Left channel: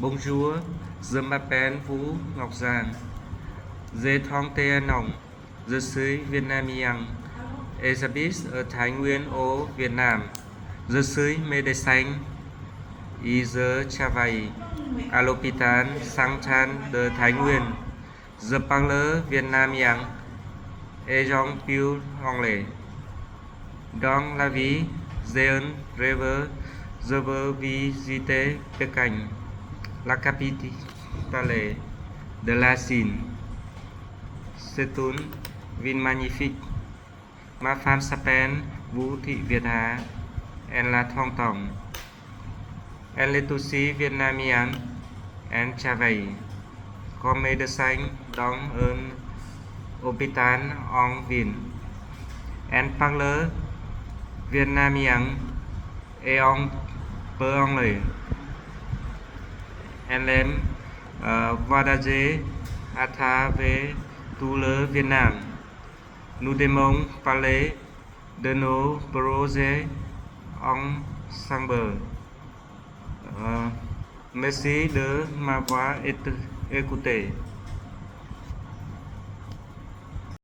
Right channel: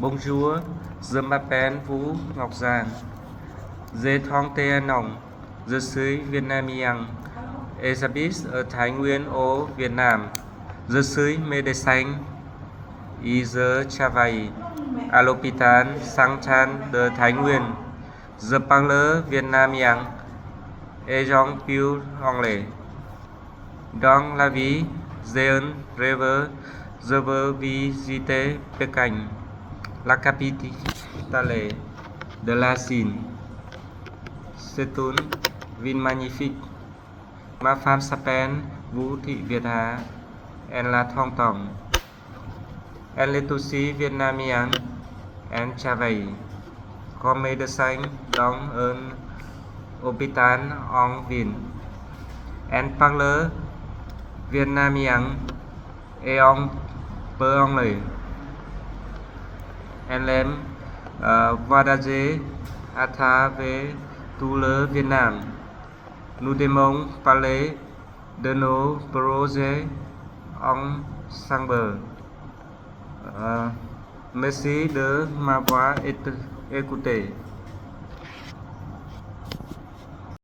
Bonjour, je m'appelle Vũ Ngọc Giang. J'ai 31 ans. Je suis vietnamien et j'habite ở Thái Nguyên au Việt Nam. Je suis médecin et je travaille à l'hôpital Saint-Anne de Thái Nguyên. Je parle vietnamien et un peu anglais. Dans la vie, j'ai un rêve. Je veux visiter Pékin, la capitale de la Chine. C'est une ville magnifique. Ma femme s'appelle Vũ Thị Việt Hà. Elle a 30 ans. Elle est aussi vietnamienne. Elle travaille comme médecin dans un hôpital en ville. Elle parle vietnamien et un peu anglais. Elle aime voyager à travers tout le Vietnam. Nous devons parler de nos projets ensemble. Merci de m'avoir écouté.